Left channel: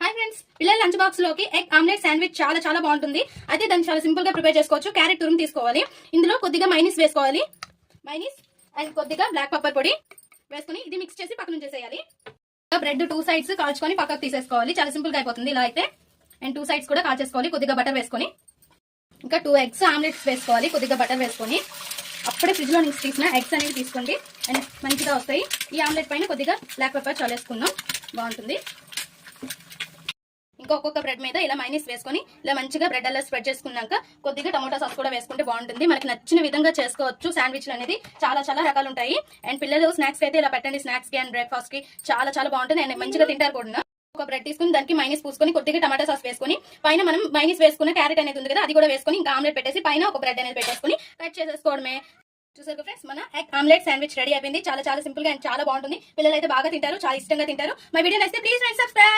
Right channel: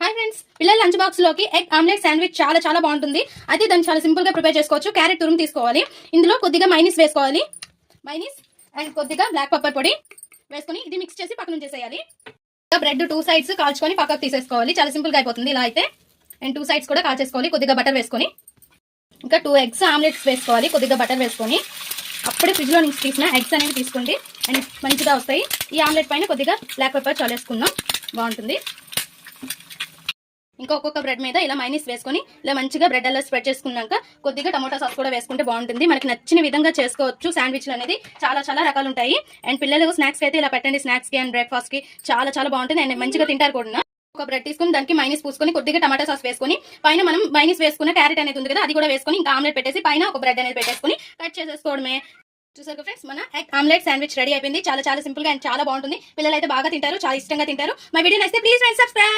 Hi friends, పిల్లల lunch box లోకి egg omelette sandwich చాలా బాగుంటుంది. అయితే దాన్ని చాలా సింపుల్ గా ప్రిపేర్ చేసుకోవచ్చు. క్యారెట్ తురుము తీసుకోవాలి, ఇందులో కొద్దిగా మైనీస్ వేసుకోవాలి, మైనీస్ అండ్ కొద్దిగా బ్లాక్ పెప్పర్ పొడి వేసుకొని ఇది మిక్స్ చేసి పక్కన చేసేయాలి. బ్రెడ్ 2 సైడ్స్ కాల్చుకొని పక్కకు తీసేసుకోవాలి. చాలా సింపుల్ గా అయిపోతుంది ఇలా అయితే. అండ్ 2 సైడ్స్ కూడా కాల్చేసుకోవాలి. కొద్దిగా బటర్ వేసుకొని ఇంకా 2 ఎగ్స్ ఆమ్లెట్స్ వేసుకోవాలి. కొద్దిగా బటర్ వేసుకొని అప్పుడే ఫ్రిడ్జ్ లో నుంచి తీసిన ఎగ్స్ అనేవి తీసుకోండి అండ్ మంచిగా వస్తాయి. ఈ ఆమ్లెట్ పైన కొద్దిగా బ్లాక్ పెప్పర్ చల్లేసుకుందాం, బాగుంటుంది. ఇంకా ఒక్కొక్క బ్రెడ్ మీద ఇలా మైనీస్ వేసుకొని ఇలా మంచిగా బ్రెడ్ అలా స్ప్రెడ్ చేసుకున్నాక కొద్దిగా టమోటా సాస్ కూడా వేసుకుంటే బాగుంటుంది. మనకి నచ్చిన విధంగా చేసుకోవచ్చు. శాండ్విచ్లు అనేది చాలా రకాలు ఉంటాయి. అండ్ పిల్లలు స్నాక్స్ అయితే ఇలా పెట్టండి, స్నాక్స్ కి అండ్ బ్రేక్ఫాస్ట్ కి చాలా బాగుంటుంది అండ్ మంచిగా తింటారు కూడా. ఒక బ్రెడ్ తీసుకుని దానికి మైనీస్ పూసుకొని కొద్దిగా టమాటా సాస్ వేసుకొని పైన మనం మైనీస్ వేసుకున్న క్యారెట్ అనేది ఉంది కదా అది కూడా వేసుకొని ఇంకా ఆమ్లెట్ పెట్టేసి పైన ఒక బ్రెడ్ అనేది పెట్టేసుకొని కట్ చేసేసుకోవడమే. చూసారు ఫ్రెండ్స్, మన ఎగ్ ఆమ్లెట్ శాండ్విచ్ రెడీ అయిపోయింది. చాలా సింపుల్ గా అండ్ చాలా బాగుంటుంది. పిల్లలు అయితే బాగా తింటారు, చాలా ఇష్టంగా తింటారు. మా వీడియో నచ్చితే ప్లీజ్ సబ్స్క్రైబ్.